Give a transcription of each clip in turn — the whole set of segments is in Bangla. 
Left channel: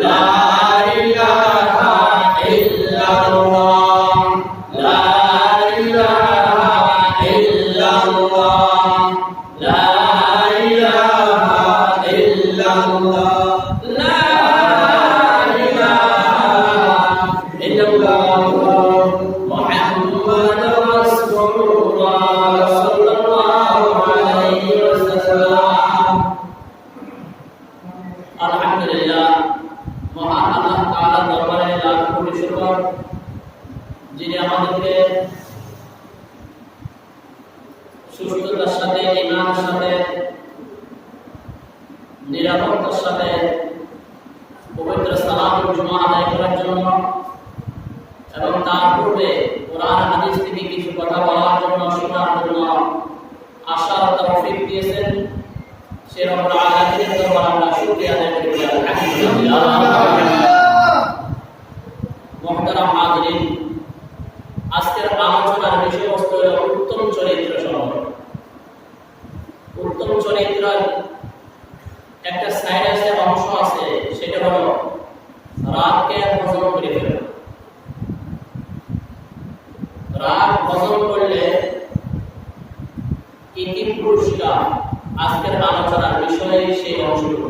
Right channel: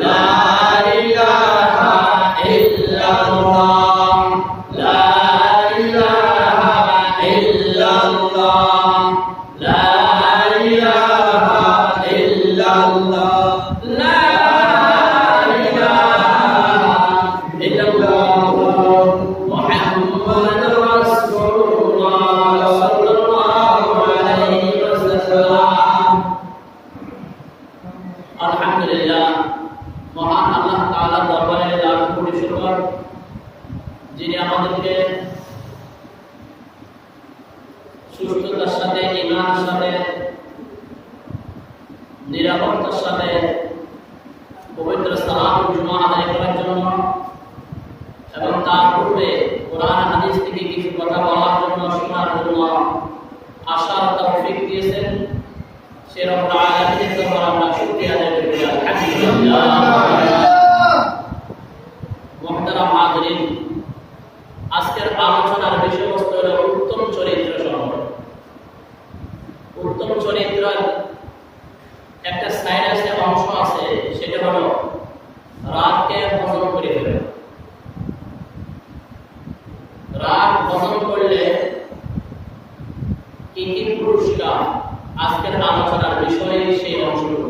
La আলহামদুলিল্লাহ, মহান আল্লাহ তাআলার দরবারে লাখ কোটি শুকর, যিনি আমাদেরকে সুস্থতার সাথে, ঈমানের সাথে, নিরাপত্তার সাথে পবিত্র সালাতুল জুমা আদায় করার জন্য এবং তার পূর্বে কোরআন হাদিস থেকে কিছু কথা বলার জন্য, শোনার জন্য আশার তৌফিক দিয়েছেন। সে রব্বুল আলামিনের দরবারে আমরা শুকরিয়া আদায় করি, আলহামদুলিল্লাহ। মুহতারাম হাজিরিন, আজকের আলোচনার বিষয়বস্তু হলো উত্তম চরিত্র সম্পর্কে। উত্তম চরিত্রের একটা সাইড আছে, অংশ আছে, সেটা হলো রাগকে হজম করে ফেলা। রাগ হজম করলে কি কি পুরস্কার, আজকের আলোচনার বিষয়ে সেই অংশগুলো।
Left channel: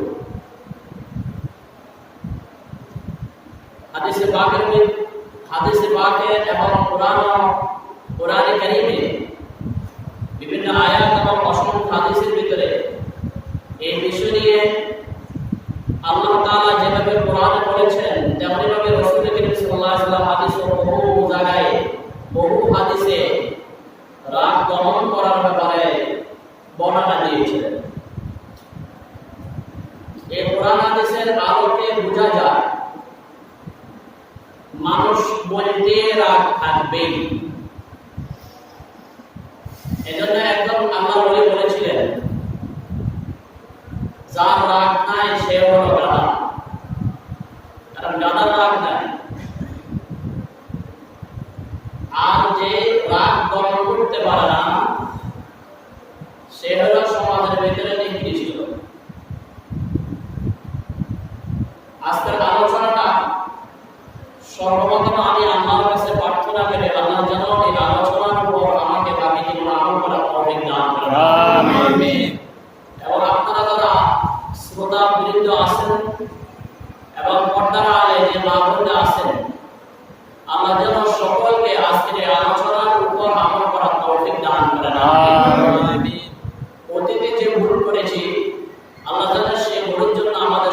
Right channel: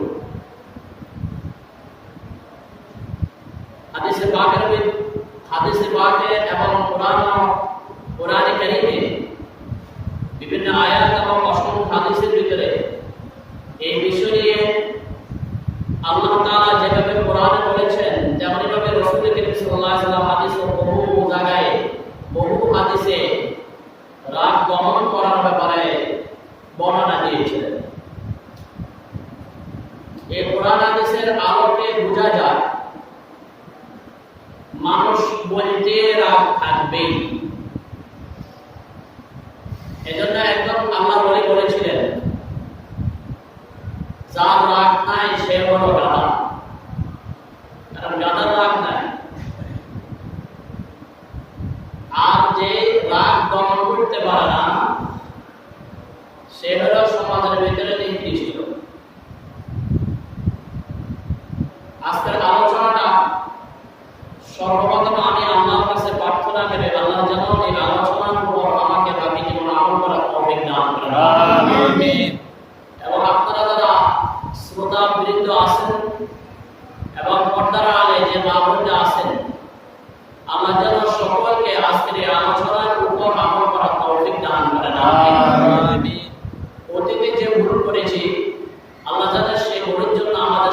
হাদিসে পাকে এবং কোরআনে কারীমে বিভিন্ন আয়াত এবং অসংখ্য হাদিসের ভিতরে এই বিষয় নিয়ে আল্লাহ তাআলা যেভাবে কোরআনে বলেছেন, তেমনি ভাবে রাসূল করিম সাল্লাল্লাহু আলাইহি ওয়াসাল্লাম হাদিসে বহু জায়গায়, বহু হাদিসে রাগ দমন করার ব্যাপারে বর্ণনা দিয়েছিলেন। এই কোরআন হাদিসের আলোকে বোঝা যায় মানুষ বলতে রাগ থাকবেই। এজন্য একজন আল্লাহর ওলি বলেছিলেন, যার রাগ নাই সে হলো গাধা। কারণ গাধার রাগ নাই। আর যে রাগ দমন করতে পারে না, সে হলো সমাজের ভিতরে নিকৃষ্ট। আজকের আলোচনাটা সর্বপ্রথম আমি আল্লাহর কাছে প্রার্থনা করি, আল্লাহ যেন এই আলোচনার উপর আমাকে বাকি জীবনে আমল করার তৌফিক দান করেন, আমিন। এবং আপনারা যারা শ্রোতা বৃন্দ আছেন এবং পর্দার আলে যে মা বোনরা আছেন, আল্লাহ যেন সকলকে আজকের এই আলোচনার উপর আমল করার তৌফিক দান করেন, আমিন। অতীতে যে ভুল করেছি, আল্লাহ যেন সেই ভুলের জন্য আমাদের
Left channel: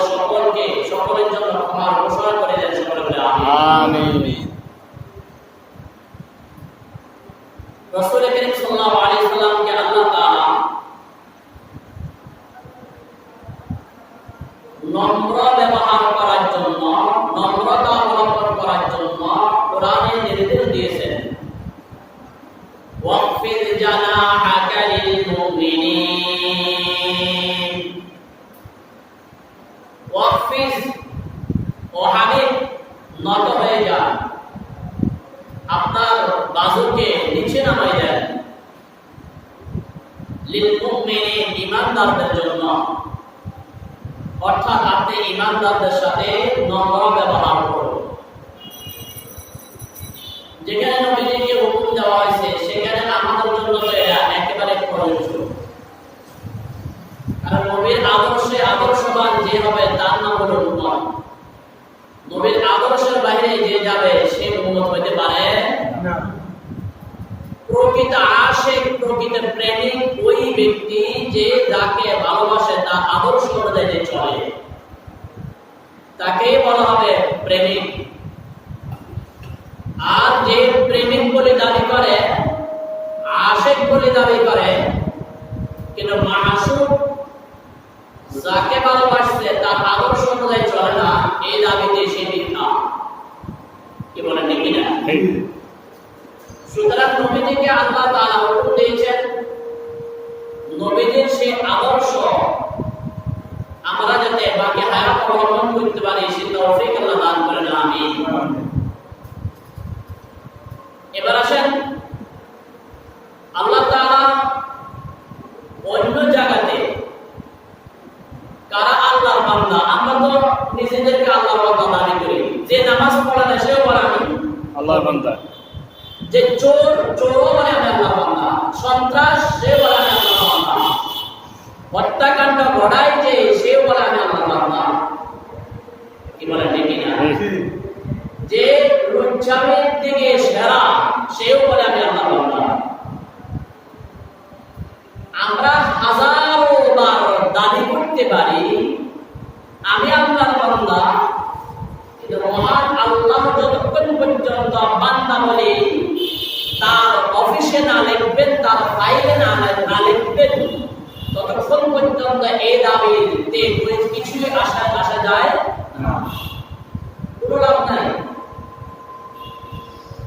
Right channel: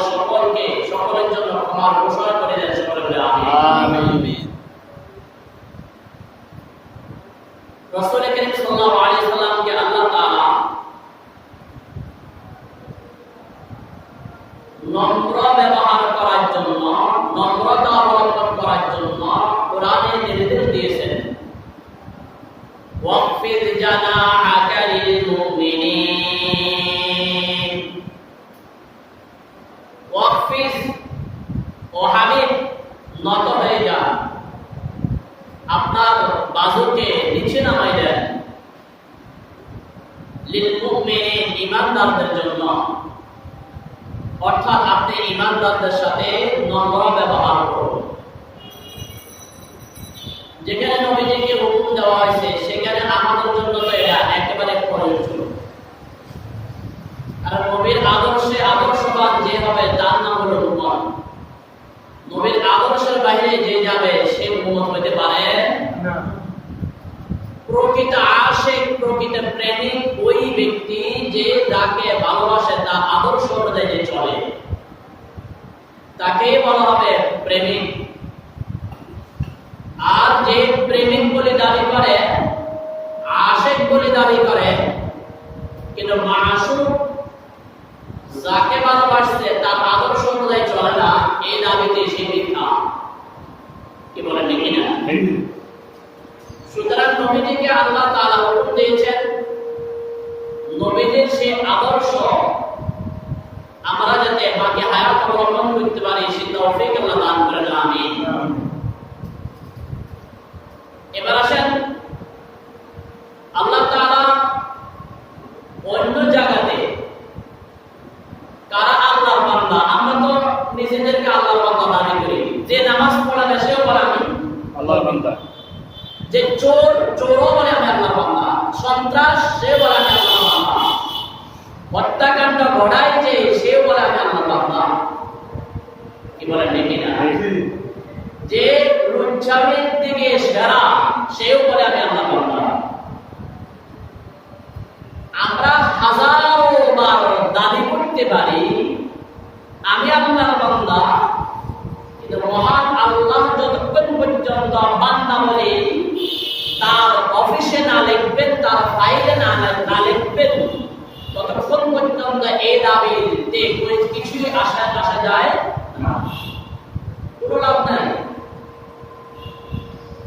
সকলের জন্য ক্ষমার ঘোষণা করে দেন, সকলে বলে আমিন। রাসূল করিম সাল্লাল্লাহু আলাইহি ওয়াসাল্লামকে আল্লাহ তাআলা নম্র ব্যবহার করার জন্য, নম্রতা অবলম্বন করার জন্য কোরআনে নির্দেশ দিয়েছেন, ওয়াকফিদ জানাহাকা লিল মুমিনিন। ওয়াকফিদ, ও হাবিব, নত হয়ে যান, আপনার বাজুকে নিচে নামাই দেন, লিল মুমিনিন, ঈমানদারদের জন্য। অর্থাৎ আপনি ঈমানদারদের সাথে নম্র ব্যবহার করুন। যেখানে নবীজিকে হুকুম দেওয়া হয়েছে, সেখানে আমাদের জন্য তো এটা একেবারে প্রয়োজ্য। কারণ নবীর আদর্শে আদর্শবান যে হবে, তার নাম হলো উম্মত। নবীর আদর্শের বাইরে যে যাবে, সে উম্মত হইতে পারে না। প্রকৃত আশিক, প্রকৃত প্রেমিক ওই ব্যক্তি যে যাকে ভালোবাসে, তার আদর্শ অনুযায়ী যে চলে, তাকেই বলা হবে প্রেমিক। আর যে প্রেমিক বলে দাবি করে, আশিক বলে দাবি করে, কিন্তু মাসুক, যাকে ভালোবাসছে তার আদর্শ অনুযায়ী চলে না, এই দাবিতে সে মিথ্যা। কি বলেন ঠিক কিনা? সুতরাং নবীজিকে আল্লাহ তাআলা হুকুম দিয়েছেন, নবীজির সেই আদর্শ আমরা যাতে বাকি হায়াত অবলম্বন করতে পারি, সে তৌফিক আল্লাহ দান করেন, আমিন। এবার আসেন, আল্লাহ তাআলা অন্য জায়গাতে কারা আল্লাহর বান্দা? আমরা তো নিজেদেরকে আল্লাহর বান্দা দাবি করি। যে নামাজ পড়ে না, সেও বলে আমি আল্লাহর বান্দা। যে চোরও বলে আমি আল্লাহর বান্দা। সন্ত্রাস, সে বলে আমি আল্লাহর বান্দা। হত্যাকাণ্ড ঘটায় যে, সেও বলে আমি আল্লাহর বান্দা। কি বলেন ঠিক না? যে লুচ্ছামির দিকে সেরা, সেও বলে আমি আল্লাহর বান্দা। আমরা হাজারো বার দাবি করতে পারি আমি আল্লাহর বান্দা, কিন্তু মহান আল্লাহ যতক্ষণ পর্যন্ত বান্দা বলে তার অফিসে না লিখবেন, তার ফাইলে না লিখবেন, ততক্ষণ পর্যন্ত এই দাবিতে কিছুই আসা যায় না, কোনো লাভ নাই।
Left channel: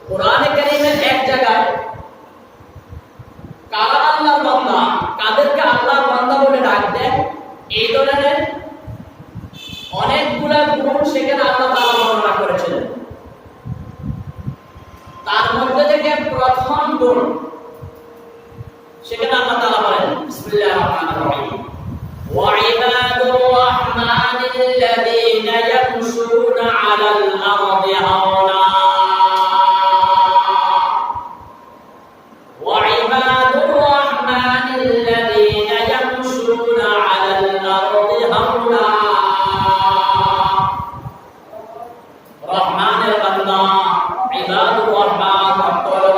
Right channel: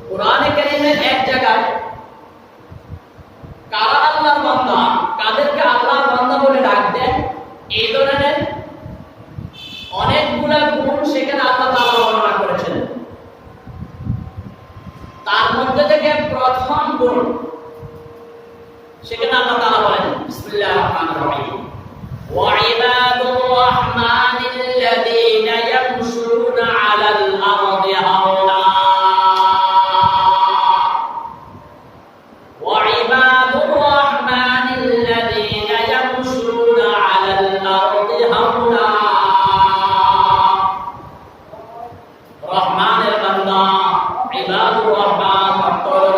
কোরআনে কারীমের এক জায়গায় কারা আল্লাহর বান্দা, কাদেরকে আল্লাহর বান্দা বলে ডাক দেন, এই ধরনের অনেকগুলা গুণ সেখানে আল্লাহ তাআলা বর্ণনা করেছেন। তার মধ্যে থেকে প্রথম গুণ সেখানে আল্লাহ তাআলা বলেন, বিসমিল্লাহির রহমানির রহিম, ওয়া ইবাদুর রাহমানিল্লাযীনা ইয়ামশুনা আলাল আরদি হাওনা, ওয়া ইবাদুর রাহমানিল্লাযীনা ইয়ামশুনা আলাল আরদি হাওনা। রহমানের বান্দা, ইবাদুর রহমান,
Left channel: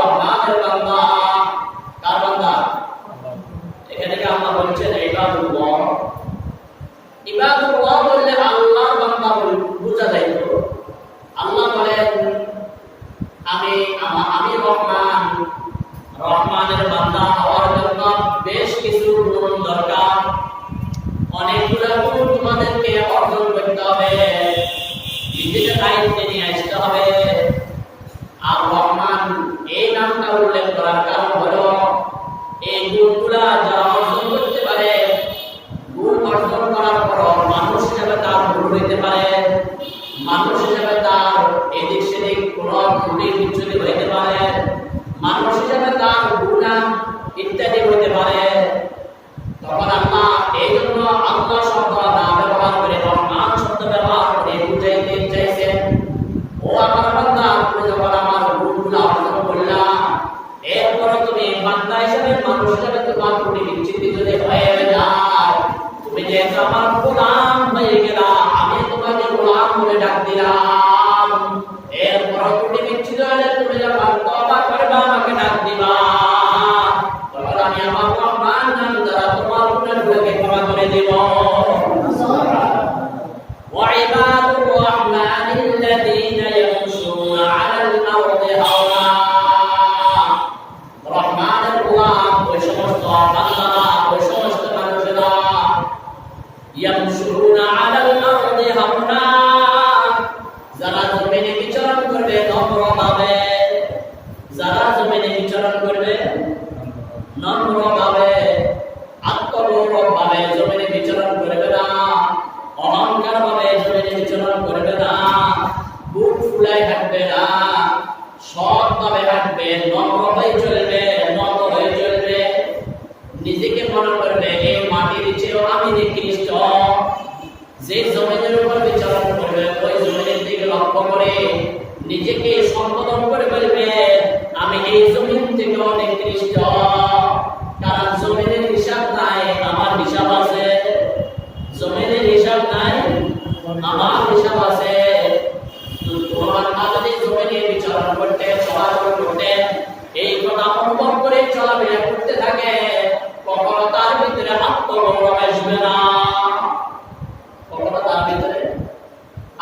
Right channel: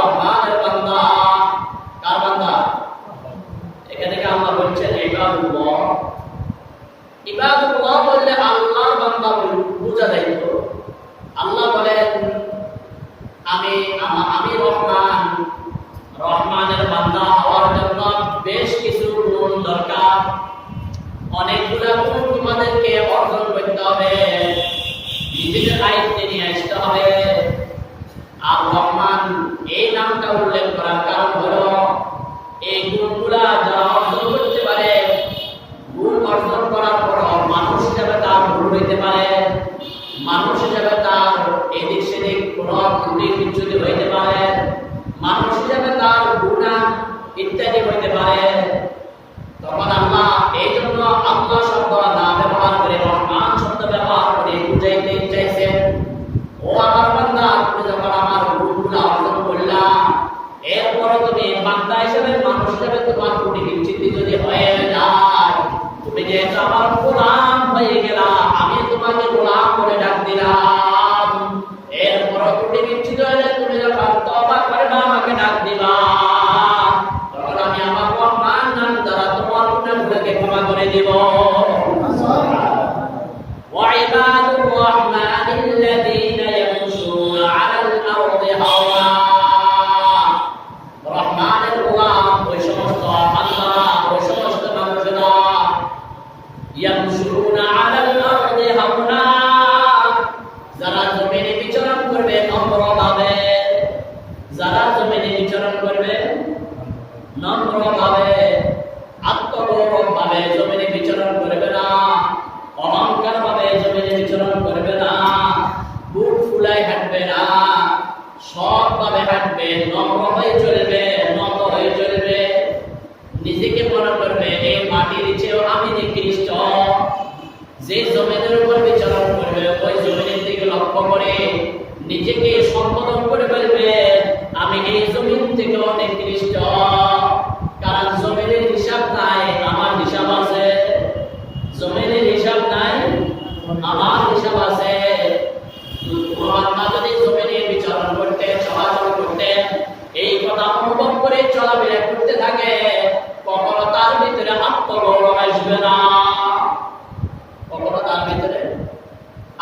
রহমানের বান্দা, কার বান্দা? এখানে আল্লাহ বলছেন ইবাদুল্লাহ। ইবাদুল্লাহ বললে আল্লাহর বান্দা বুঝা যাইত। আল্লাহ বলেন আমি রহমান, রহমানের বান্দা হওয়ার জন্য বেশ কিছু গুণ দরকার, অনেকগুলা গুণ তোমাদেরকে অর্জন করতে হবে, নিজেদের আয়ত্তে নিয়ে আসতে হবে। আর রহমান এই নামটা উল্লেখ করার কারণ হলো এই গুণগুলা যারা অর্জন করতে পারে, গুণ অর্জন করার পর মানুষ হিসাবে তার ভুল হইতে পারে, মানুষ হিসাবে তার এদিক সেদিক কোনো ত্রুটি বিচ্যুতি হইতে পারে, মানুষ হিসাবে তার গুনাহ ইত্যাদি হইতে পারে, তখন আল্লাহ এই জন্য আল্লাহ শব্দ না ব্যবহার করে রহমান শব্দ ব্যবহার করে বুঝাইতে চাইছেন, ও আমার বান্দা, তুমি যখন আমার গুণগুলো অর্জন করলা, এরপরে তুমি বান্দা হিসেবে, মানুষ হিসেবে তোমার ত্রুটি বিচ্যুতি যদি হয়ে যায়, তুমি যেহেতু আমার গোলাম হয়ে গেলা, আমি তোমাকে গোলাম বলে ডাক দিলাম, এরপরে ত্রুটি বিচ্যুতি হলে তুমি যখন তওবা করবা, আমাকে ডাক দিবা, তখন আমি আমার রহমান নাম দ্বারা তোমার গুনাহগুলোকে ক্ষমা করে দেব। وعباد الرحمن الذين يمشون على الأرض هونا। রহমানের গোলাম ওই সমস্ত বান্দারা, ওই সমস্ত মানুষেরা, ইয়ামশুনা আলাল আরদি হাওনা, যারা জমিনে বিচরণ করবে নম্রভাবে, যারা জমিনে বিচরণ করবে নম্রভাবে, আত্মগৌরব ভাবে জমিনে বিচরণ করবে না, অহংকার ভাবে জমিনে বিচরণ করবে না, বুক ফুলাই হাঁটবে না, সৎ ভাবে হাঁটবে, নম্র হয়ে চলবে, নত হয়ে চলবে, নিজেকে মনে করবে এই মাটির চেয়েও আমি নিকৃষ্ট। যে জমিনের উপর বিচরণ করবে ওই জমিনের দিকে লক্ষ্য করে নিজেকে সম্বোধন করে বলবে আমি এই জমিন থেকে অনেক নিকৃষ্ট, কারণ জমিনের হিসাব নাই, আমার হিসাব আছে, জমিনের হিসাব নাই, আমার হিসাব আছে। কোনো বান্দা যদি জমিনে বিচরণ করতে, চলাচল করতে, এই কথা অনুভব করে চলাফেরা করতে থাকে, কখনো তার ভিতরে আত্মগৌরব আসবে না, কখনো তার ভিতরে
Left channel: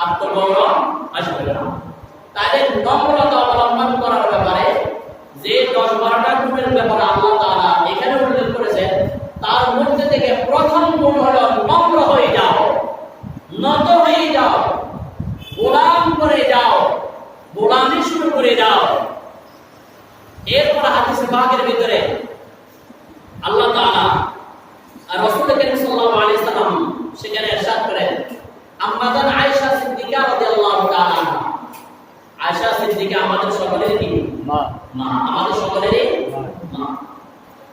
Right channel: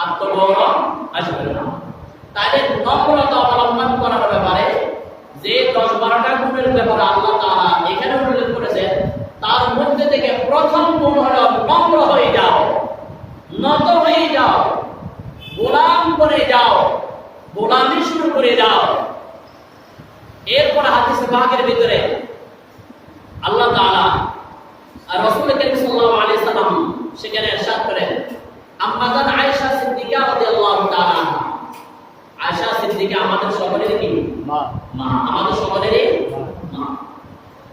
আত্মগৌরব আসবে না। তাদের নম্রতা অবলম্বন করার ব্যাপারে যে 10-12টা গুণের ব্যাপারে আল্লাহ তাআলা এখানে উল্লেখ করেছেন, তার মধ্যে থেকে প্রথম গুণ হলো নম্র হয়ে যাও, নত হয়ে যাও, গোলাম করে যাও, গোলামি শুরু করে যাও। এরপর হাদিস পাকের ভিতরে আল্লাহ তাআলা আর রাসূল করিম সাল্লাল্লাহু আলাইহি সাল্লাম সেখানে ইরশাদ করেন, আম্মা জান আয়েশা সিদ্দিকা রাদিয়াল্লাহু তাআলা আনহা, আয়েশা সিদ্দিকা আমাদের সকলেরই কি মা, আমাদের সকলেরই মা।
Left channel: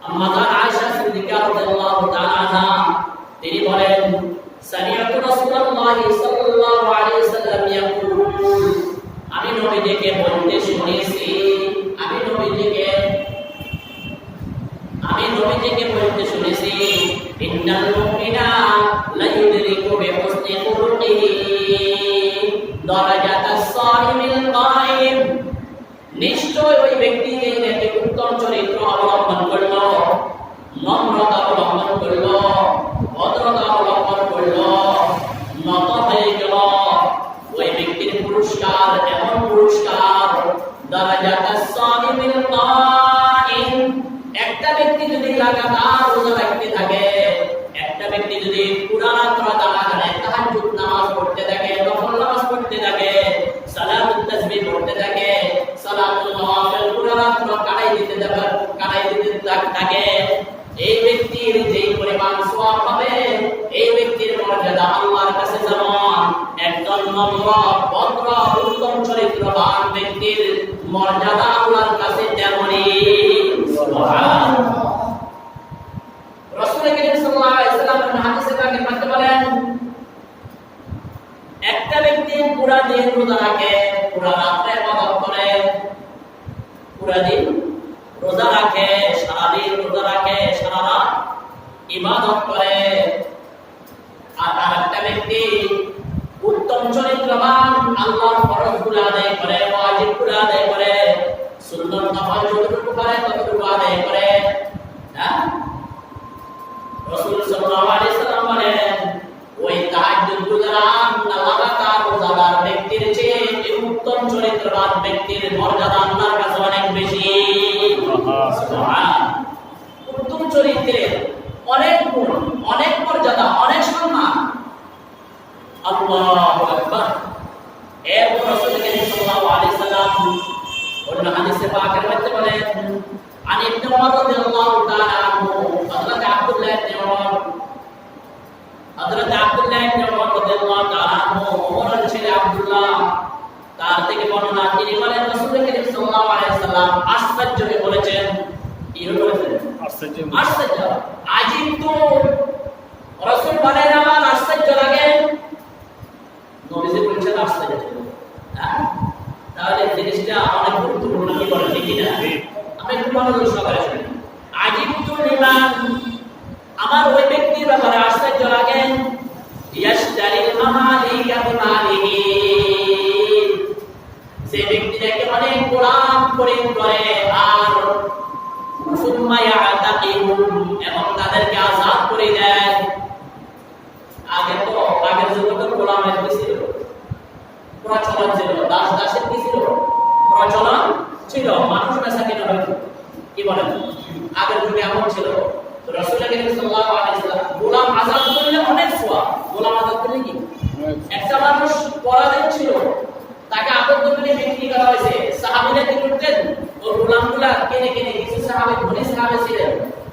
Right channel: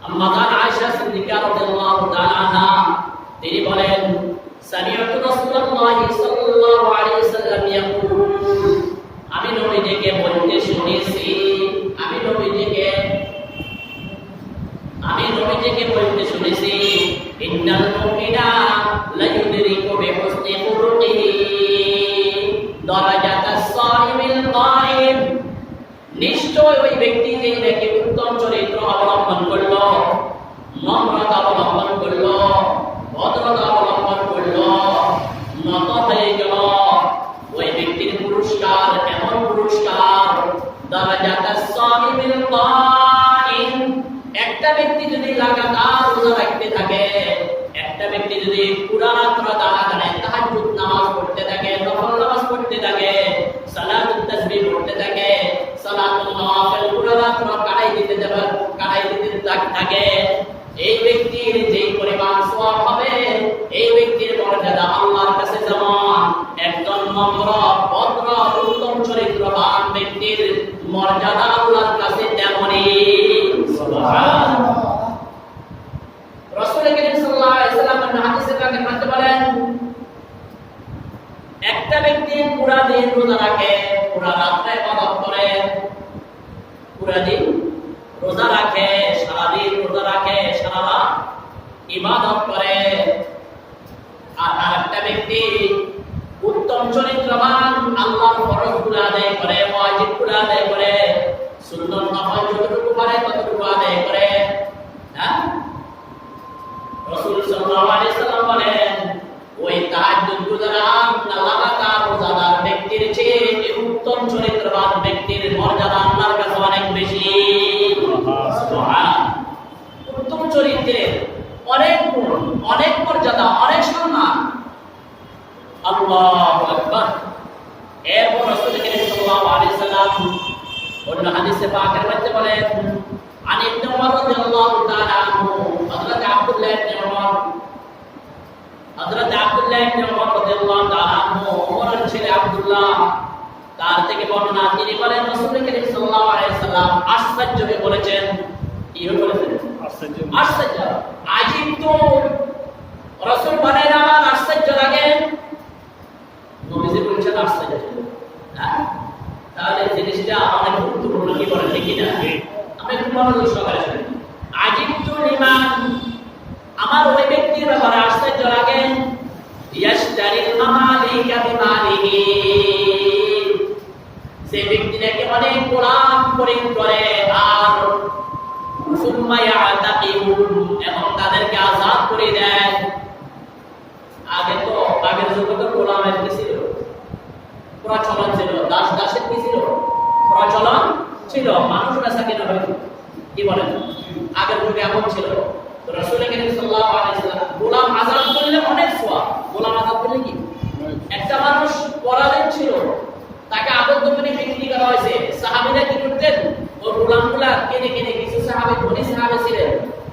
আম্মা জান আয়েশা সিদ্দিকা রাদিয়াল্লাহু তাআলা আনহা তিনি বলেন, সামিআতু রাসূলুল্লাহি সাল্লাল্লাহু আলাইহি ওয়াসাল্লাম ইয়াকুল, আমি নবীজিকে বলতে শুনেছি, আমি নবীজিকে বলতে শুনেছি, ইন্নাল মুমিনা লা ইউদরিকু বিহুসনি খুলুকিহি দারাজাতাস সাইমিল কায়েম, নিশ্চয় ওই ব্যক্তি যে নাকি উত্তম চরিত্র অবলম্বন করল, নম্রতা অবলম্বন করল, ভদ্রতা অবলম্বন করল, নত হয়ে গেল, ওই ব্যক্তির পুরস্কার এমন পুরস্কার, দারাজাতাস সাইমিল কাইম। একটা ব্যক্তি যদি লাগাতার রোজা রাখতে থাকে, একটা ব্যক্তি যদি পুরা রাত তাহাজ্জুদ নামাজ পড়তে থাকে, নফল নামাজ পড়তে থাকে, সালাতুত তাসবিহ পড়তে থাকে, সালাতুল নওয়াফিল পুরা রাত কাটাই দিতে থাকে, এই ব্যক্তির যেই পরিমাণ সওয়াব হবে, এই ব্যক্তির মর্যাদা আল্লাহর কাছে যেমন একজন নম্র ভদ্র উত্তম চরিত্রবান ব্যক্তির মর্যাদা আল্লাহর কাছে তেমনই। সুবহানাল্লাহ। রাসূল করিম সাল্লাল্লাহু আলাইহি ওয়াসাল্লাম হাদিসে পাকে বলতে বলেন, একটা ব্যক্তি পুরা দিন রোজা রাখে, পুরা রাত্রে ইবাদত করে, পুরা দিন রোজা রাখে, সারা দিন রোজা রাখে, সারা রাত ইবাদত করে, আর আরেকটা ব্যক্তি উত্তম চরিত্রবান, আল্লাহর ফরজগুলো আদায় করে, ওয়াজিবগুলো আদায় করে, সুন্নাত নফল যতটুকু পারে ততটুকু আদায় করে। হ্যাঁ, রাসূল সাল্লাল্লাহু আলাইহি ওয়াসাল্লাম বলেন, ওই তাহাজ্জুদ গুজারান লাগাতার রোজাদার ব্যক্তির চেয়ে উত্তম চরিত্রবান ব্যক্তির মর্যাদা আল্লাহর কাছে অনেক বেশি। সুবহানাল্লাহ। উত্তম চরিত্রের অনেক গুণ, অনেক মর্যাদা, অনেক সম্মান। আল্লাহু আকবার। এরপর রাসূল করিম সাল্লাল্লাহু আলাইহি ওয়াসাল্লাম অন্য হাদিসে পাকের মধ্যে বলেন, আন ইবনে উমর রাদিয়াল্লাহু তাআলা আনহু, হযরত আব্দুল্লাহ ইবনে উমর রাদিয়াল্লাহু তাআলা আনহু, ওমরের ছেলে আব্দুল্লাহ, তার থেকে বর্ণনা, তিনি বলেন রাসূল করিম সাল্লাল্লাহু আলাইহি ওয়াসাল্লাম আশ্চর্য হয়ে বলেছেন, কি বলেছেন? আশ্চর্য। আজিবতু, রাসূল বলেন আমার আশ্চর্য লাগে। নবীজি বলেছেন আশ্চর্য। তাহলে জিনিসটা অনেক গুরুত্বপূর্ণ, কি বলেন, ঠিক না? আমি একটু মনোযোগ সহকারে শুনি। আজিবতু লিমান, আমার ওই ব্যক্তির ব্যাপারে আশ্চর্য লাগে, ইয়াশতারিল মামালিকা বিমালিহি, যে ব্যক্তি নাকি অনেক গোলাম খরিদ করে, আর সুম্মা ইয়াতাকিহুম, এবং তাদেরকে আযাদ করে দেয়। আগে তো আগের যুগে তো গোলামের কি ছিল? প্রচলন ছিল, দাস দাসের কি ছিল? প্রচলন ছিল, মানুষ বেচা কেনা হইতো, কি বলেন? আগের যুগে এমন ছিল। তো রাসূল করিম সাল্লাল্লাহু আলাইহি ওয়াসাল্লাম গোলাম আযাদ করলে অনেক সওয়াব। গোলাম আযাদ করলে কি? একটা মানুষ পরাধীন ছিল, তাকে আবদ্ধ করে বিক্রি করা হয়েছে, সাহাবীরা কি করতেন? ওই গোলামগুলা কিনে কিনে, কিছু সাহাবী ধনী সাহাবী ছিলেন,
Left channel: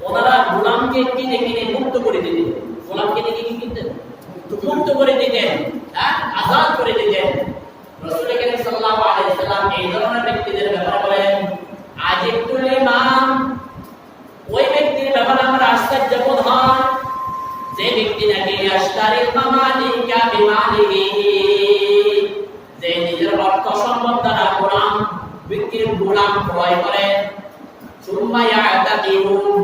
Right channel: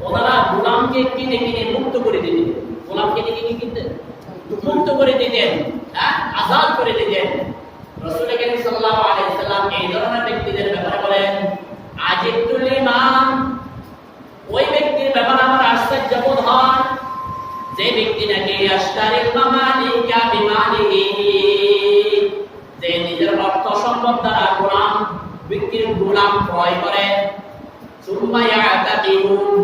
ওনারা গোলামকে কিনে কিনে মুক্ত করে দিতেন। গোলাম কিনে কিনে কিনতেন, মুক্ত করে দিতেন, হ্যাঁ, আযাদ করে দিতেন। রাসূল করিম সাল্লাল্লাহু আলাইহি ওয়াসাল্লাম এই ধরনের ব্যক্তিদের ব্যাপারে বলেন, আজিবতুল লিমান, ওই ব্যক্তির ব্যাপারে আমার আশ্চর্য বোধ হয়, যে ব্যক্তি নাকি আশতারিল মামালিকা বিমালিহি, যে নিজের অর্থ সম্পদ দ্বারা গোলাম বিক্রির গোলাম ক্রয় করে, সুম্মা ইয়াতাকিহুম,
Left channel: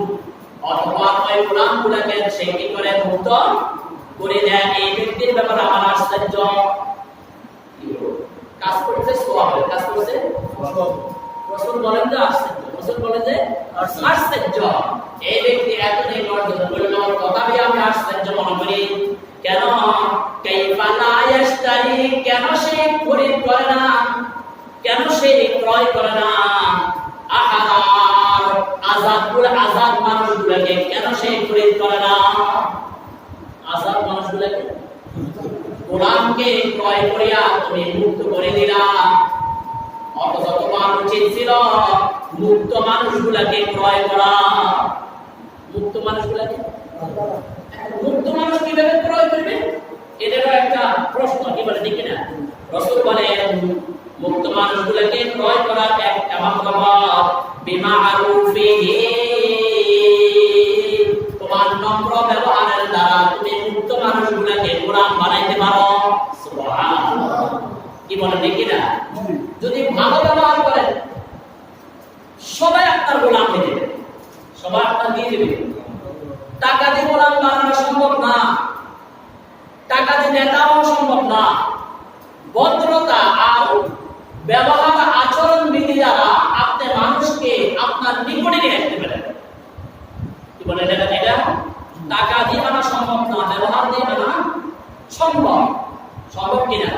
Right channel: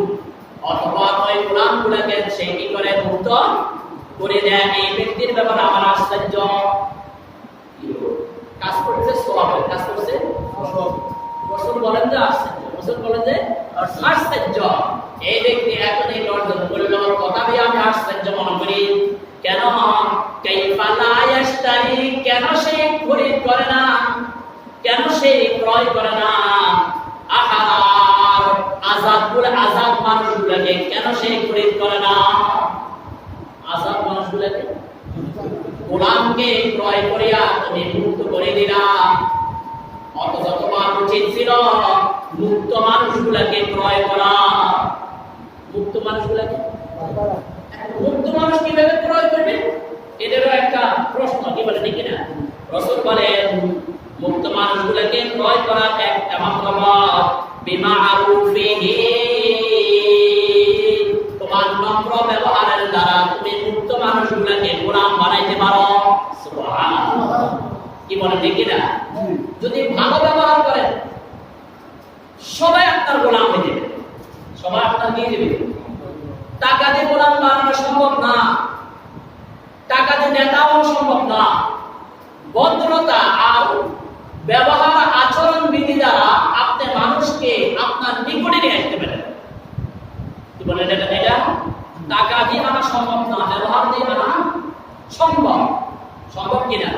অথবা ওই গোলামগুলোকে সে কি করে? মুক্ত করে দেয়। এই ব্যক্তির ব্যাপারে আমার আশ্চর্য। কাজ করছে সওয়াবের, কাজ করছে। রাসূল বলেন যে আশ্চর্য, রাসূল বলেন যে আশ্চর্য। এই ব্যক্তি এত নেক অর্জন করল, তথাপি আমি আশ্চর্য মনে করি। কেন? কাইফা লা ইয়াশতারি, কেন সে খরিদ করে না, কেন সে ক্রয় করে না? আহার আযাদ মানুষগুলোকে কেন সে খরিদ করে না? আযাদ মানুষগুলোকে, গোলামকে ক্রয় করিয়া তুমি মুক্ত করে দিলা, অথচ তোমার উচিত ছিল মুক্ত মানুষগুলোকে ক্রয় করা। মুক্ত মানুষগুলোকে, মুক্ত মানুষ কিভাবে ক্রয় করবে? এদেরও একটা প্রশ্ন, কি বলে, ঠিক না? রাসূল বলেন, মুক্ত মানুষগুলোকে ক্রয় করার একটা মাত্র পথ, বিমারুফিহি, তোমার নম্র ব্যবহারের দ্বারা তুমি মুক্ত মানুষগুলোকে গোলাম বানাইতে পারো। সুবহানাল্লাহ। কি বলেন, ঠিক না? যদি ভালো ব্যবহার করেন, সবাই আপনার গোলাম হয়ে যাবে, সবাই আপনার দিয়ে যাবে। টাকা দিয়ে গোলাম বানানো সম্ভব না, টাকা দিয়ে নেতা হওয়া সম্ভব না। ভদ্রতা আর ব্যবহার আচরণ বিধি দ্বারা আপনি মানুষকে আপনার নিকটে নিয়ে আসতে পারেন। কি বলেন, এটা টাকা দিয়ে মানা সম্ভব না, ব্যবহার দিয়ে মানা সম্ভব। সম্ভব কিনা?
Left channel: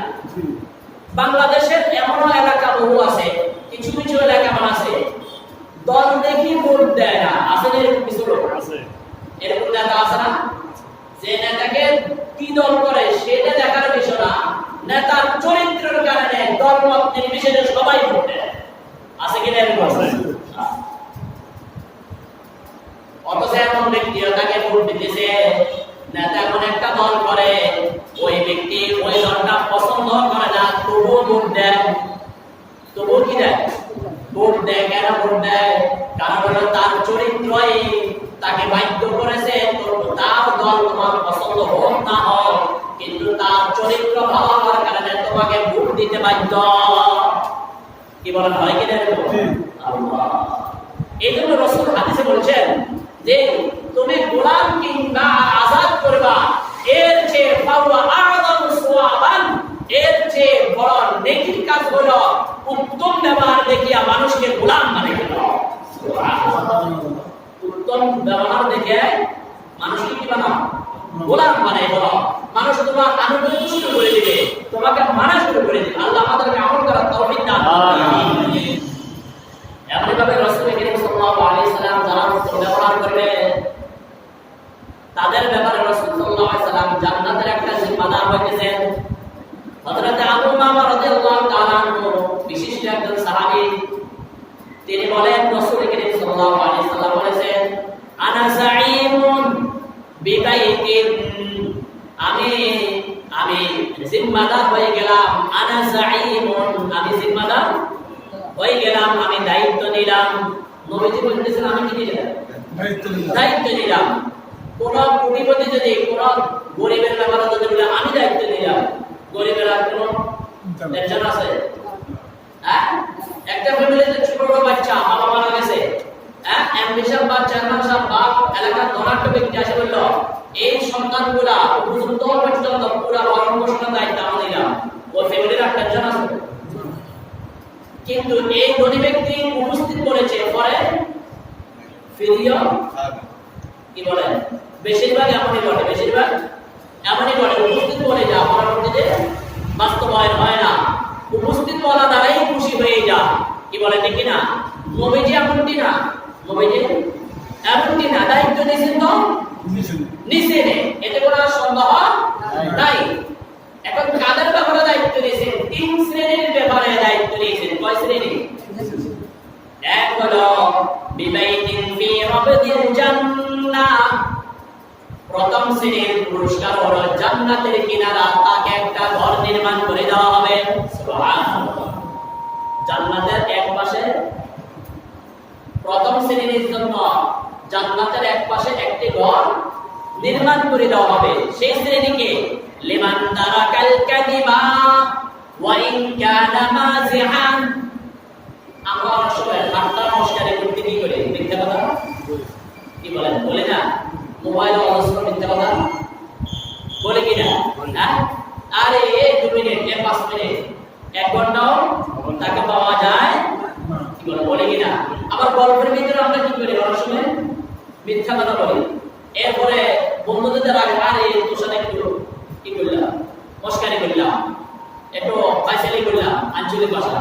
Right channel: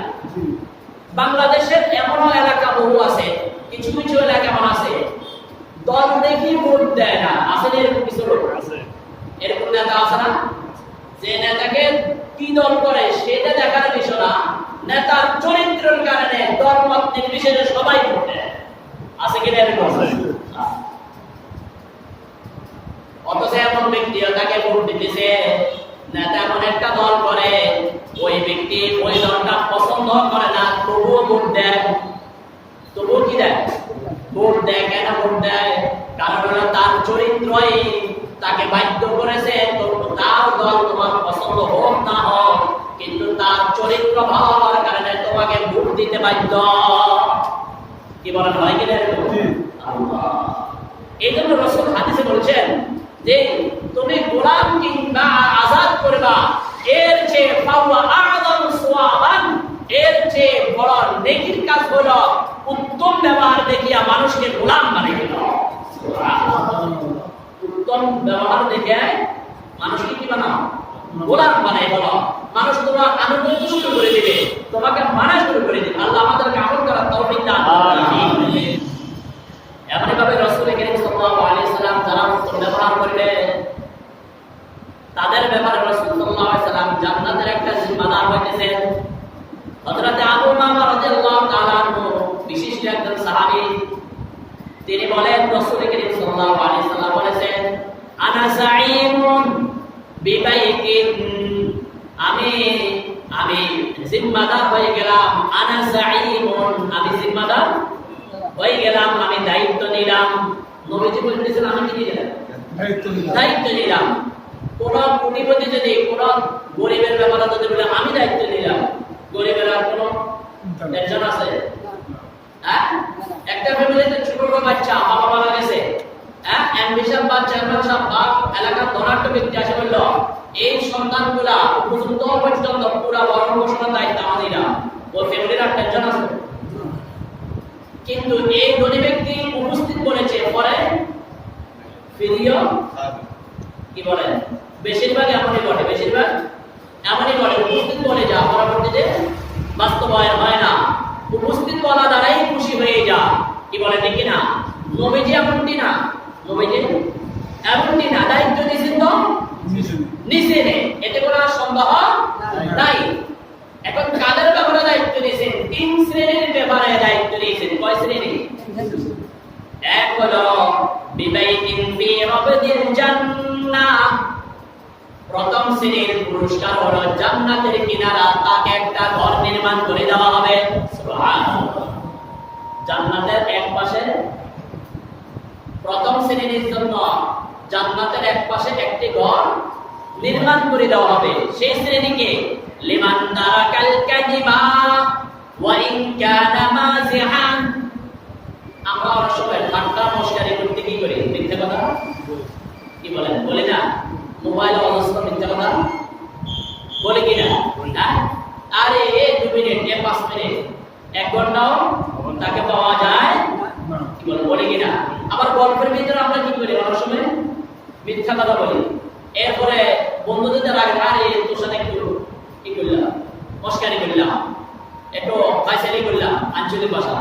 বাংলাদেশের এমনও এলাকা বহু আছে, কিছু কিছু এলাকা এমন আছে দল দেখি ভোট দেয় না। আছে না এরকম কিছু লোক? এরকম নেতা আছে না, যে নেতাকে কি দল করে সেটা দেখার বিষয় না, নেতার চরিত্রের কারণে দল মত নির্বিশেষে সবাই ভোট দেয়। আছে কিনা এরকম? অথচ এমন ব্যক্তি তাকে ভোট দিতেছে, নেতা এমন একটা দল করে ওই ব্যক্তি ওই দলটা পছন্দ করে না, তবুও ভোট দেয়। তবুও কি দেয়? ভোট দেয়। কেন ভোট দেয়? কারণ হলো তার চরিত্রই তাকে বাধ্য করেছে। তার দল তোমার পছন্দ হোক না হোক, কিন্তু তার চরিত্র ভালো হওয়ার কারণে তোমাকে ভোট দিতে বাধ্য। কি বলেন, হয় কিনা এরকম? এই জন্য রাসূল হাদিসে বলছেন যে তুমি গোলাম কিংবা আজাদ করবা, এর চেয়ে ফাওয়া আযম সুওয়াবান, এর চেয়ে বড় নেকির কাজ হলো উত্তম ব্যবহার দেখিয়া মানুষকে গোলাম বানিয়ে দেওয়া। উত্তম ব্যবহার দেখে মানুষকে কি বানাও? গোলাম বানাই হলো। মানুষ তোমার আনুগত্য শুরু করে দিবে, তোমাকে মানা শুরু করে দিবে। আল্লাহ আমাদেরকে আমল করার তৌফিক দান করুন। এমনিভাবে রাসূল করিম সাল্লাল্লাহু আলাইহি সাল্লাম যারা উত্তম ব্যবহার করবে তাদের ব্যাপারে রাসূল সাল্লাল্লাহু আলাইহি সাল্লাম জান্নাতের একটা জিম্মাদার হইতেছেন। হযরত আবু উমামা রাদিয়াল্লাহু তাআলা আনহু বিশিষ্ট একজন সাহাবী, তিনি বলেন রাসূল করিম সাল্লাল্লাহু আলাইহি সাল্লাম বলেছেন, আনা যাঈমুন বিবাইতিন, আমি জিম্মাদার হয়ে গেলাম। আনা যাঈমুন, আমি জিম্মাদার হয়ে গেলাম, আমি দায়িত্ব নিলাম। নবীজি বলতেছেন আমি কি নিলাম? দায়িত্ব নিলাম। কোন কোটিপতি যদি কোন গরিবের ব্যাপারে যদি বলে আমি দায়িত্ব নিলাম, গরিবের আর কোন টেনশন আছে? হ্যাঁ, একটা ফ্যামিলিতে ছোট বাচ্চা বাবা মারা গেছে, হ্যাঁ, অ্যাম্বিশন বা চেয়ারম্যান সাহেব বা এলাকার ধনাঢ্য ব্যক্তি আসে বলল এই সন্তানগুলা উপযুক্ত পর্যন্ত পুরা ভরণ পোষণের দায়িত্ব আমি নিলাম, ওই ফ্যামিলির আর টেনশন আছে? কিন্তু এই ধনী ব্যক্তি উপস্থিত করেছে, পরে ফিরিও কি বলে, বেশিরভাগ এমনই ঘটে, বেশিরভাগ এমনই ঘটে। উপস্থিত করে যা, পরবর্তীতে বাস্তবায়ন হয় না। উপস্থিত বলা দ্বারাই খুশি হয়ে যা, কি বলে ঠিক না? নবীজি এমনটি না, নবীজি এমনটি না, দায়িত্ব নিয়েছেন তো নিচে নে, এতে কোনো সন্দেহ নাই। এখন কাদের ব্যাপারে দায়িত্ব নিয়েছেন? তিন শ্রেণীর ব্যাপারে দায়িত্ব নিয়েছেন। কয় শ্রেণী? এক হলো বিবাইতিন ফি রাবদিল জান্নাহ, প্রথম শ্রেণীর পুরস্কার হলো জান্নাতের কিনারা তাকে একটা ঘর নির্মাণ করে দেওয়া হবে। সুবহানাল্লাহ। জান্নাতের এক পাশে প্রথম শ্রেণীর জন্য জান্নাতের এক পাশে একটি ঘর নির্মাণ করে দেওয়া হবে। সেই শ্রেণীকে লিমান তারাকাল কাযিবা ওয়া ইন কানা মাযিহান। আমরা অনেক সময় ঠাট্টা মশকারি করতে কি করি? মিথ্যা কথা কি বলেন? বলি না? মোবাইলে অজস্র মিথ্যা কথা বলে কিনা? হ্যাঁ, আরে এই 2 মিনিট, এই 5 মিনিট, 1 ঘন্টাও তাকে পাওয়া যায়, কি বলে, বলে কিনা? আবার গল্পের ভিতরে আমরা কি করি? অনেক সময় মিথ্যা কথা বলি। এরপরে বন্ধুদের আগে আরে তোর সাথে একটু কি করলাম, মস্কারি করলাম, একটু ফাইসালি করলাম আঞ্চলিক ভাষা।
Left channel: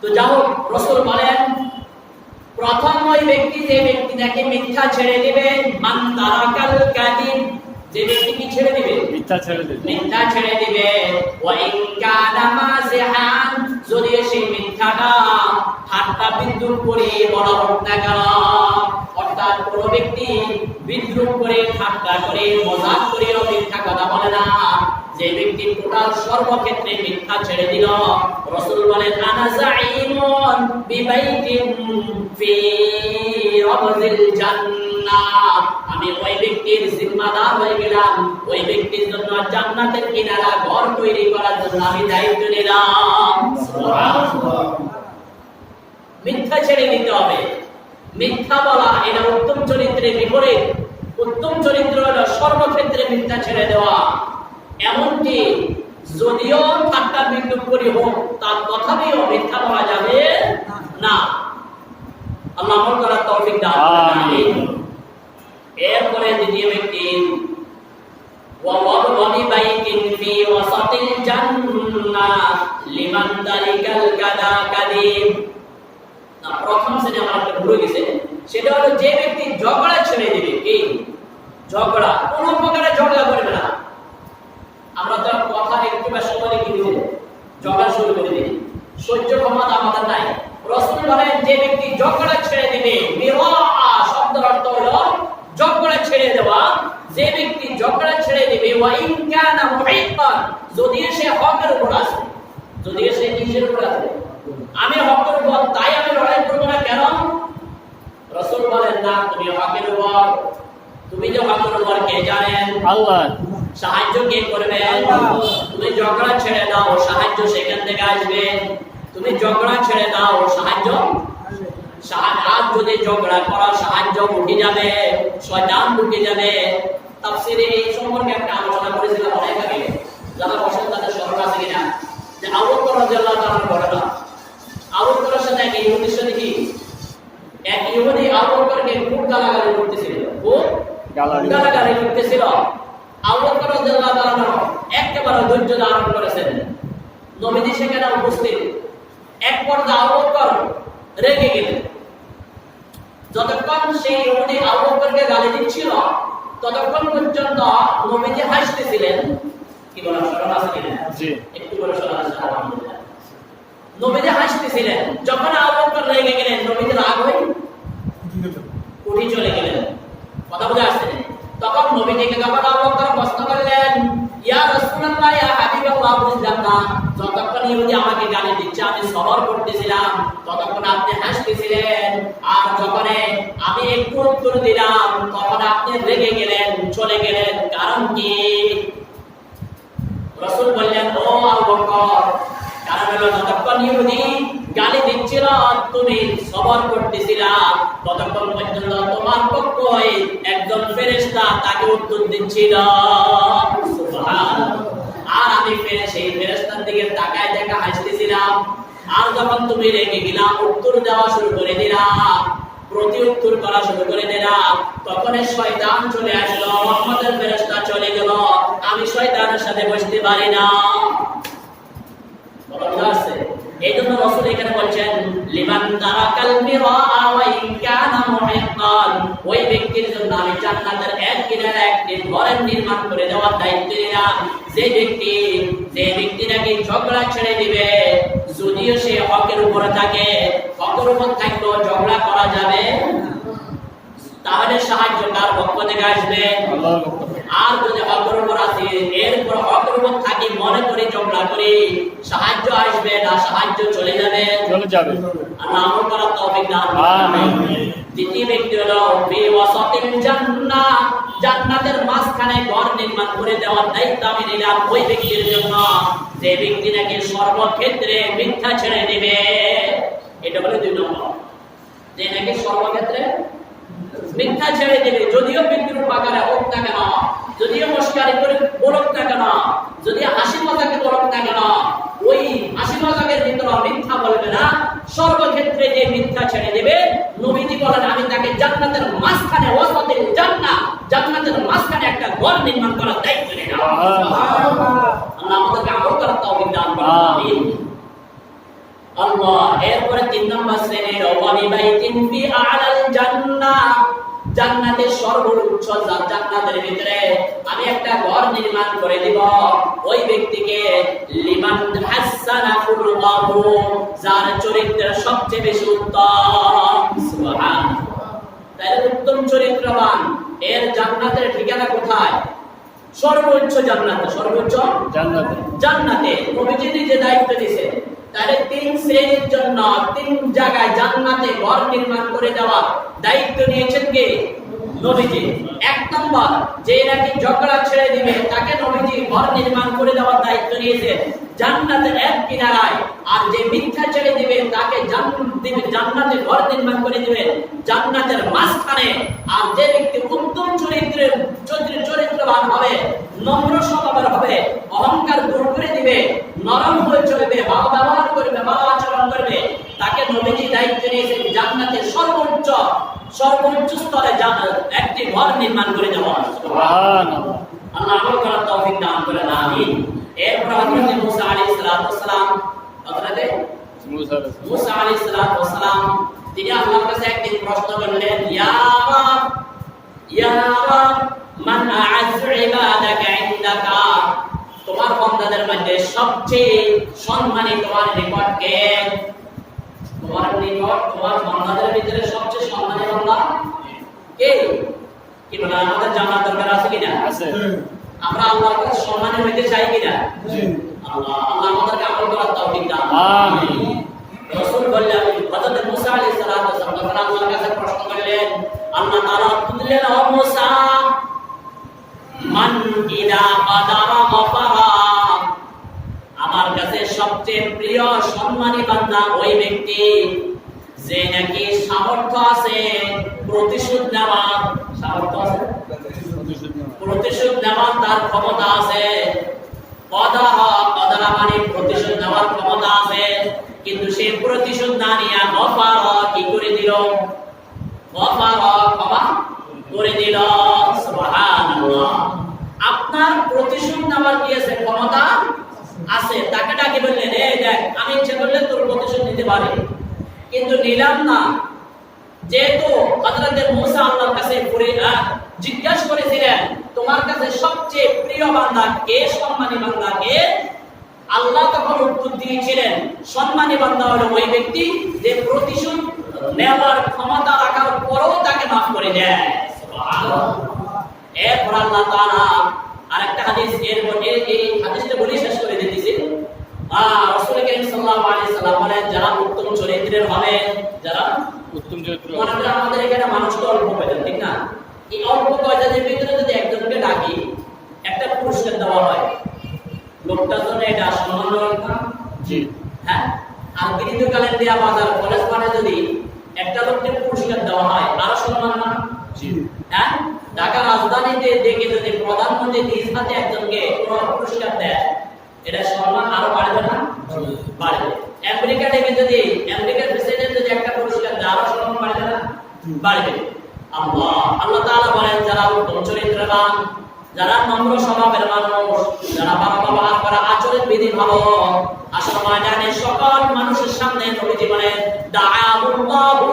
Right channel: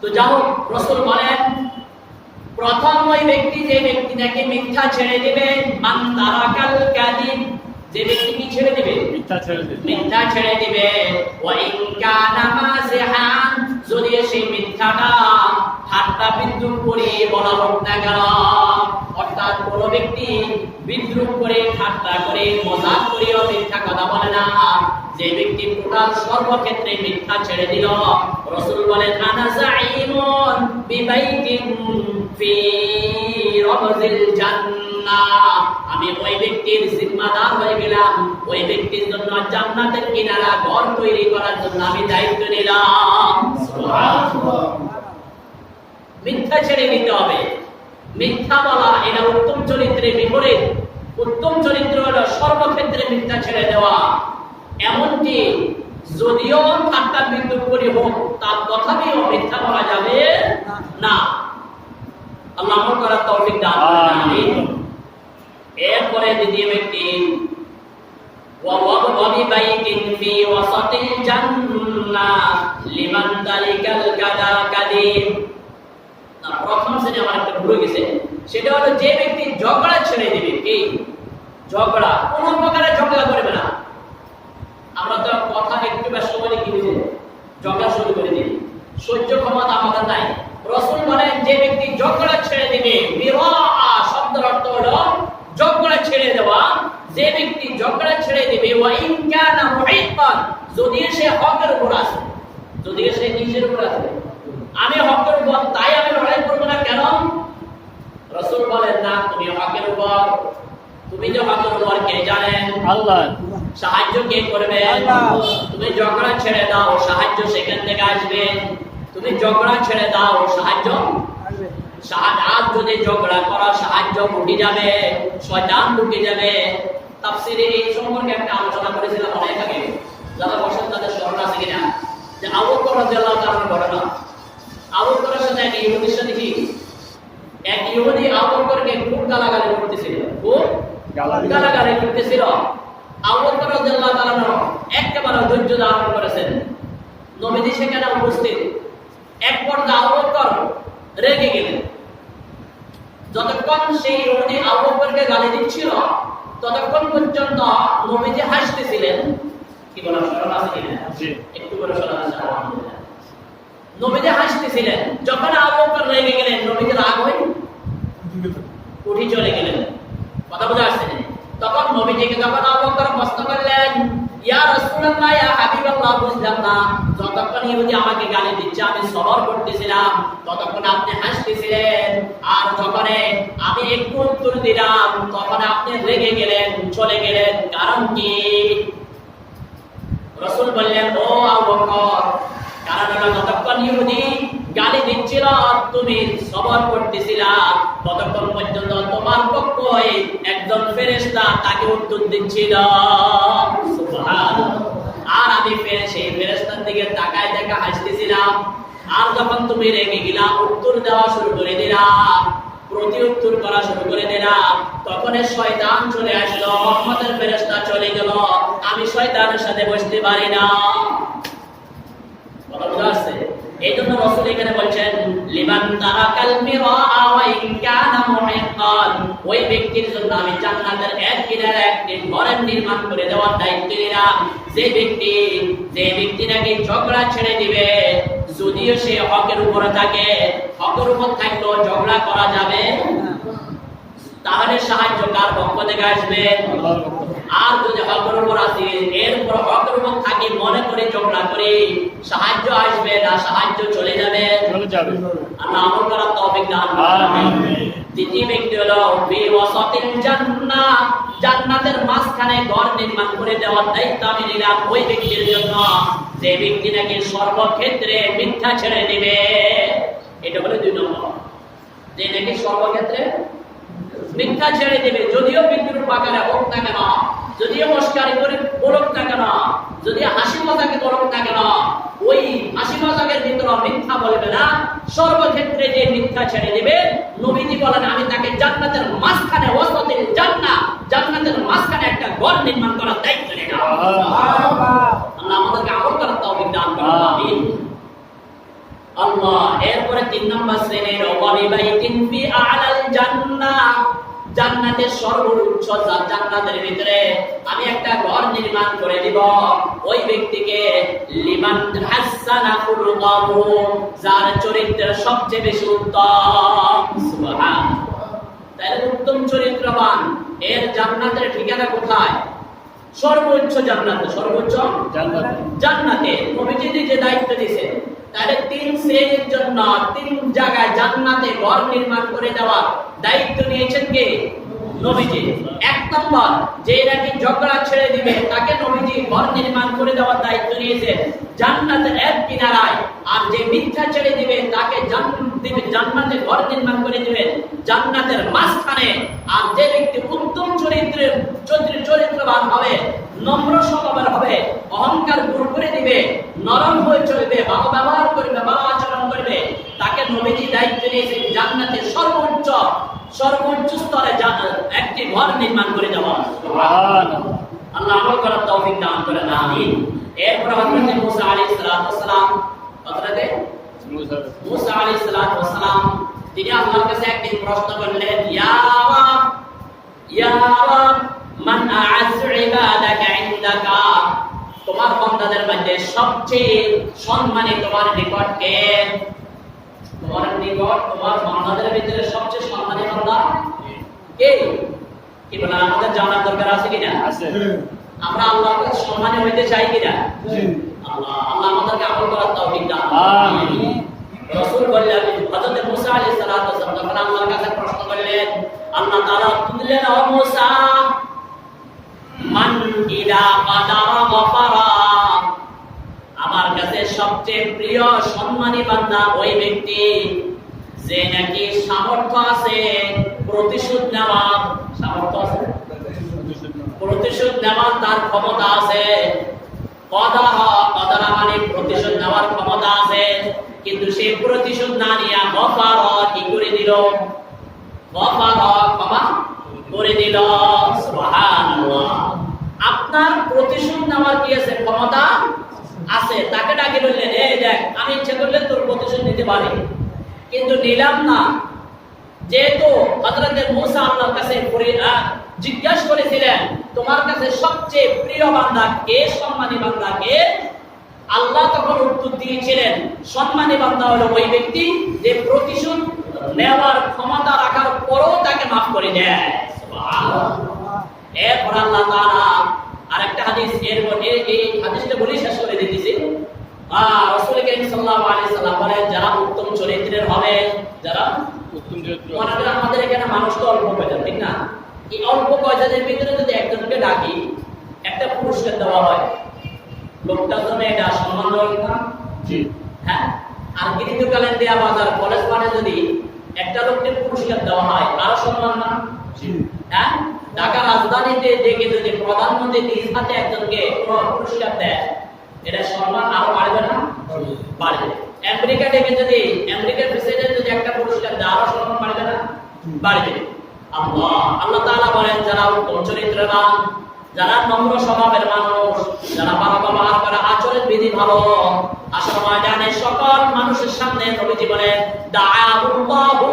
তো যাই হোক, রাসূল বলেন প্রথম ওই ব্যক্তি যে ব্যক্তি নাকি মিথ্যা ছেড়ে দিবে, মান তারাকাল কাযিব, যে ব্যক্তি কি ছেড়ে দিবে? মিথ্যা ছেড়ে দিবে। মিথ্যা ছেড়ে দিবে। ওয়া ইন কানা মাযিহান, যদি সেই মিথ্যাটা ঠাট্টা বিদ্রুপ করে বলা হোক না কেন, অর্থাৎ কোন ব্যক্তি বিদ্রুপ করে, ঠাট্টা করে, মজাক করেও মিথ্যা কথা বলে না, যে ব্যক্তি টোটাল সর্বক্ষেত্রে মিথ্যা ছেড়ে দিল, রাসূল বলেন আনা যাঈমুন বিবাইতিন ফি রাবদিল জান্নাহ, আমি ওই ব্যক্তির জিম্মাদার হয়ে গেলাম, ওই ব্যক্তির জন্য জান্নাতের কিনারা ঘর তৈরি করার জন্য আমি দায়িত্ব নিলাম। সুবহানাল্লাহ। মিথ্যা ছেড়ে দিতে হবে। মিথ্যা বলা এটা উত্তম চরিত্রের বিপরীত। উত্তম চরিত্র হলো সর্বক্ষেত্রে মিথ্যা ছেড়ে দেওয়া। এমনকি যদিও ঠাট্টা বিদ্রুপ করি হোক, তার তথাপিও মিথ্যা বলা যাবে না। আল্লাহ আমল করার তৌফিক দান করেন। আমিন। এরপরে দ্বিতীয় ব্যক্তি وببيت في وسط الجنة لمن ترك الكذا كذب। না, প্রথম শ্রেণী আমার একটা ভুলে গেছে, সেটা হলো যে ব্যক্তি ঝগড়া ছেড়ে দিবে। কি ঝগড়া? কোন প্রকারে ঝগড়া করবে না। আমরা তো কথা একটু ব্যস্ত হলে কি দিই, ঝগড়া শুরু করে দিই। সহ্য ক্ষমতা আমাদের নাই। রাসূল বলেন যে ব্যক্তি ঝগড়া ছেড়ে দিবে, বিরাআ শব্দের অর্থ হলো ঝগড়া ছেড়ে দেওয়া। যে ব্যক্তি ঝগড়া ছেড়ে দিবে, ওয়া ইন কানা মুহিক্কান, যদি সে হকের উপর আছে, যদি সে কিসের উপর আছে? আমি হকের উপর, তাই আমি লড়াই করব না। কেন? রাসূল বলেন না, তুমি হকের উপর। তুমি যে হকের উপর কে জানেন? আল্লাহ। সাহায্য কে করবেন? তুমি ঝগড়া ছেড়ে দাও, সাহায্য সেখান থেকে আসবে। তুমি ঝগড়া ছেড়ে দাও, সাহায্য আজ যদি ঝগড়া করা, সাহায্য উঠে যাবে, শয়তান ঢুকে যাবে। তাফসীরে এই সম্পর্কে একটা আলোচনা করেছিলাম অনেক আগে, যারা বসেন তাদের স্মরণ আছে কিনা, যে আবু বকর রাদিয়াল্লাহু তাআলার ঘটনা। আবু বকরের সাথে এক ইহুদির সাথে কি, এক ইহুদি আবু বকরকে খুব গালাগালি করতেছিল, খুব গালাগালি করতেছিল। আবু বকর রাদিয়াল্লাহু তাআলা একেবারে ধৈর্য ধারণ করেছেন। নবীজি সেখানে উপস্থিত। এক পর্যায়ে আবু বকর রেগে গেলেন। যতক্ষণ সেই ইহুদি আবু বকরকে গালি দিচ্ছিল, ততক্ষণ পর্যন্ত নবীজি হাসতেছিলেন। কি বলেন, স্মরণ আছে কিনা? একটু করে স্মরণ আছে। নবীজি হাসতেছিলেন। যখন আবু বকর রেগে গেলেন, নবীজি রাগ হয়ে উঠে চলে গেলেন। কথা বুঝা আসছে? তখন নবীজিকে যখন আবু বকর প্রশ্ন করলেন, ইয়া রাসূলুল্লাহ, ইয়া হাবিবাল্লাহ, বুঝলাম না, যতক্ষণ ইহুদি আমাকে গালি দিচ্ছে আমি সবর করতেছিলাম, ততক্ষণ আপনি হাসতেছিলেন, আর যখন আমি একটু উত্তর দিলাম তখন আপনি রেগে গেলেন, চলে গেলেন, কারণ কি? রাসূল বললেন, ও আবু বকর, কারণ হলো যতক্ষণ ইহুদি গালি দিচ্ছিল তুমি সবর করতেছিলা, ততক্ষণ পর্যন্ত তোমার পক্ষে একজন ফেরেশতা তাকে উত্তর দিচ্ছিল। সুবহানাল্লাহ। আর আমি সেই ফেরেশতার দিকে তাকায় দেখা হাসতেছিলাম। আর যখন তুমি রেগে গেলা, উত্তর দেওয়া শুরু করে দিলা, প্রতি উত্তর করা শুরু করে দিলাম, তখন শয়তান চলে আসলো, রহমতের ফেরেশতা চলে গেল। আমি শয়তানের সাথে বসতে পারি না। কথা বুঝা আসছে? এই জন্য রাসূল এখানে বলছেন, লিমান তারাকাল মিরাআ ওয়া ইন কানা মুহিক্কান, ওই ব্যক্তির জন্য আমি জান্নাতের এক কিনারে একটি ঘর নির্মাণ করে দেওয়ার দায়িত্ব নিলাম। যে ব্যক্তি নাকি ঝগড়া ছেড়ে দিবে, যদিও সে হকের উপরে থাকে, হকের উপর থাকলেও ঝগড়া করা যাবে, তাহলে সাহায্য কার পক্ষ থেকে আসবে? আর যদি হকের উপর আছে, এরপর হকের উপর থাকি মনে করে ঝগড়া করি, সাহায্য আসবে না, সাহায্য চলে যাবে। আল্লাহ আমল করার তৌফিক দান করুন। দ্বিতীয় ব্যক্তি হলো ফি ওয়াসাতিল জান্নাহ, জান্নাতের মাঝখানে ঘর নির্মাণ করে দেওয়ার দায়িত্ব আমি নিলাম ওই ব্যক্তির জন্য, যে ব্যক্তি নাকি সর্বক্ষেত্রে মিথ্যা ছেড়ে দিবে। এটা হলো 2 নম্বর, যে নাকি সর্বক্ষেত্রে মিথ্যা ছেড়ে দেবে, যদিও বিদ্রুপ আকারে হোক না কেন, যদিও মস্কারি করে বলুক না কেন, যদি হাসি মজাকে বলুক না কেন, ওই হাসি মজাকের ভিতরে মিথ্যা বলবে না। সর্বক্ষেত্রে যে মিথ্যা ছেড়ে দেবে, নবীজি বলেন আমি তাকে জান্নাতের মাঝখানে, ওয়াসাতিল জান্নাহ, জান্নাতের মাঝখানে একটা ঘর নির্মাণ করার দায়িত্ব নিলাম। আল্লাহ আমাদেরকে আমল করার তৌফিক দান করুন। আমিন। আল্লাহ। এরপরে 3 নম্বর শ্রেণীর ওয়াবি বাইতিন ফি আ'লাল জান্নাহ, জান্নাতের সর্বোচ্চ জান্নাতের ভিতরে আমি একটা ঘর নির্মাণ করে দিব ওই ব্যক্তিকে, লিমান হাসানা খুলুকাহু, যার চরিত্র সবচেয়ে বেশি উত্তম। সুবহানাল্লাহ। তাহলে উত্তম চরিত্রবান এর জান্নাতের ঠিকানা কোথায়? সর্বোচ্চ জান্নাতে। সর্বোচ্চ জান্নাতে নবীজি যে দায়িত্ব দিয়েছেন, তাহলে 3 শ্রেণীর জন্য 3 জায়গায় জান্নাতে ঘর নির্মাণ করে দেওয়ার দায়িত্ব নিয়েছেন কে? নবীজি। 1 নম্বর, যে নাকি ঝগড়া ছেড়ে দিবে তাকে নবীজি ঘর নির্মাণ করে দেওয়ার দায়িত্ব নিয়েছেন জান্নাতের এক কিনারায়। আর যে মিথ্যা ছেড়ে দিবে তাকে জান্নাতে ঘর নির্মাণ করে দিবেন জান্নাতের মাঝখানে। আর যে ব্যক্তি উত্তম চরিত্রবান হবে, নম্র স্বভাবের হবে, অহংকার দূর করে দিবে, নরম হয়ে চলবে, ভালো ব্যবহার করবে, ভালো আচরণ করবে, তাকে নবীজি দায়িত্ব নিয়েছেন জান্নাতের সর্বোচ্চ স্তরে একটি ঘর নির্মাণ করে দেওয়া। আল্লাহ আমল করার তৌফিক দান করেন আমিন। এরপর হযরত মুসা আলাইহিস সালাম হযরত মুসা আলাইহিস সালাম তিনি আল্লাহর কাছে একদিন প্রশ্ন করলেন, ইয়া রাব মান আ'আযু ইবাদাকা ইনদাকা, তোমার বান্দাদের মধ্যে সবচেয়ে সম্মানী তোমার নিকট কে? তোমার নিকট তোমার বান্দাদের ভিতরে সবচেয়ে সম্মানী বান্দা কে? কি বলে আমাদের জানার দরকার আছে কিনা? আছে। আমরা আল্লাহর কাছে সম্মানী হইতে চাই কিনা? জি। আল্লাহ আমাদেরকে আমল করার তৌফিক দান করুন আমিন। রাসূল বললেন, হযরত মুসা আলাইহিস সালাতু ওয়াস সালাম যখন আল্লাহর কাছে প্রশ্ন করলেন, আল্লাহ তাআলা বললেন, ও মুসা মান ইদা কাদারা গফারা, আমার কাছে সবচেয়ে প্রিয় সম্মানী বান্দা ওই ব্যক্তি যে নাকি সামর্থ্য আছে প্রতিশোধ নেওয়ার, সামর্থ্য আছে প্রতিশোধ নেওয়ার তার ক্ষমতা আছে। কদারা মানে প্রতিশোধ নেওয়ার ক্ষমতা আছে, কিন্তু সে প্রতিশোধ না নিয়ে গফার কি করে দিল? গফার ক্ষমা করে দিল। সুবহানাল্লাহ। আপনার প্রতিশোধ নেওয়ার কি আছে? ক্ষমতা আছে। তাকে ডাকে বললেন, এই দেখ আমি ইচ্ছে করলে তোর প্রতিশোধ নিতে পারি, কিন্তু নিলাম না। যেহেতু হযরত মুসা আল্লাহর কাছে জিজ্ঞাসা করেছিলেন, তোমার কাছে সবচেয়ে প্রিয় বান্দা কে, সম্মানী বান্দা কে? আল্লাহ তখন উত্তর দিয়েছিলেন, সম্মানী বান্দা হলো ওই ব্যক্তি যে প্রতিশোধ নেওয়ার ক্ষমতা রাখার পরও তাকে মাফ করে দেয়। সুবহানাল্লাহ। এরপর আল্লাহ তাআলা আরেকটা হাদিস, এই হাদিসটা বলি শেষ করে দিতেছি। রাসূল কারীম সাল্লাল্লাহু আলাইহি সাল্লাম বলেন, যারা উত্তম চরিত্রের হবে, যারা উত্তম চরিত্রের, মনে করেন আমাদের এখানে মানুষ তো অল্প কয়জন, ঠিক না? এই অল্প কয়জনের ভিতরে যদি একজনকে ডাকি, একটা পুরস্কার দেওয়া হয়, লোকটার জন্য এটা সম্মান দেওয়া না? জি হ্যাঁ। আর গৃহকালীন দেয়া বাজার কলেজ পাঠে যদি একটা লোককে পুরস্কার দেওয়া হয়, আরো সম্মান না? জি হ্যাঁ। ঢাকা রাজধানীতে দেখে যদি প্রধানমন্ত্রী নিজ হাতে একজনকে পুরস্কার দেয়, এটা সম্মান আরো বাড়বে না? বাড়বে। আমেরিকা ডেকে যদি আমেরিকার প্রেসিডেন্ট যদি একটা পুরস্কার দেয়, আরো সম্মান বাড়বে না? বাড়বে। আল্লাহ তাআলা বলেন, যারা উত্তম চরিত্রবান, যারা নম্র স্বভাবের মানুষ, যারা ভালো ব্যবহার করে, আচরণ বিধি ভালো, আসর ময়দানে সকল মানুষের সামনে নবীজি বলেন, দাআউল্লাহু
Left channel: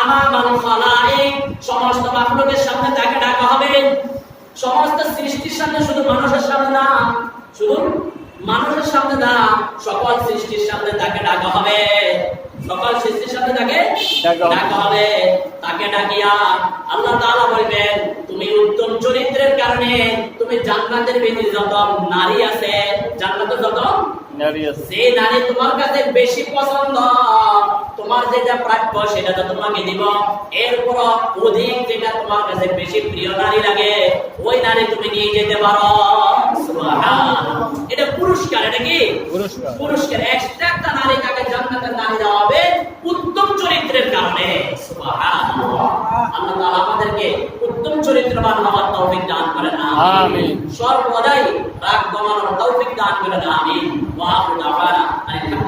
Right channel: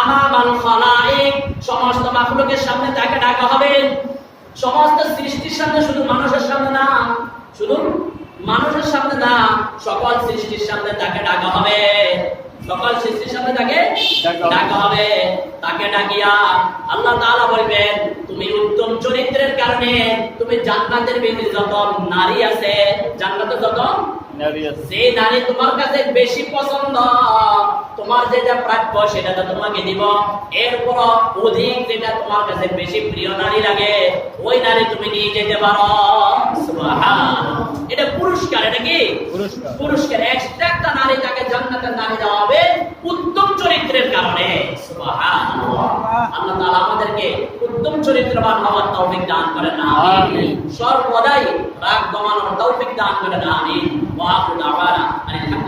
আমামাল খালাইক, সমস্ত মাখলুকের সামনে তাকে ডাকা হবে। সমস্ত সৃষ্টির সামনে, শুধু মানুষের সামনে না, শুধু মানুষের সামনে না, সকল সৃষ্টির সামনে তাকে ডাকা হবে। সকল সৃষ্টির সামনে তাকে ডাকা হবে। তাকে ডাকিয়া আল্লাহ তাআলা বলবেন, তুমি উত্তম চরিত্রের কারণে তুমি জান্নাতের ভিতরে যত নারী আছে, জান্নাতে যত নারী আছে, সেই নারী তোমার কাছে বেশি পছন্দ, তোমার যেটা প্রাপ্য সেটা তো তোমাকে দিব। এরপর অধিক যেটা তোমার কাছে বেশি প্রিয় নারী লাগে, ওই নারী তুমি নিয়ে যেতে পারো। সুবহানাল্লাহ। এটা পুরস্কার। এটা কি পুরস্কার? একটা নারী তাকে জান্নাতের নারী দেওয়া হবে উত্তম চরিত্রের কারণে। সুবহানাল্লাহ। আল্লাহ তাআলা আমাদেরকে উত্তম চরিত্রবান হওয়ার তৌফিক দান করেন আমিন। সর্বদাই রাগ দমানোর তৌফিক দান করেন আমিন। ওয়া আখিরু দাওয়ানা আলহামদুলিল্লাহ।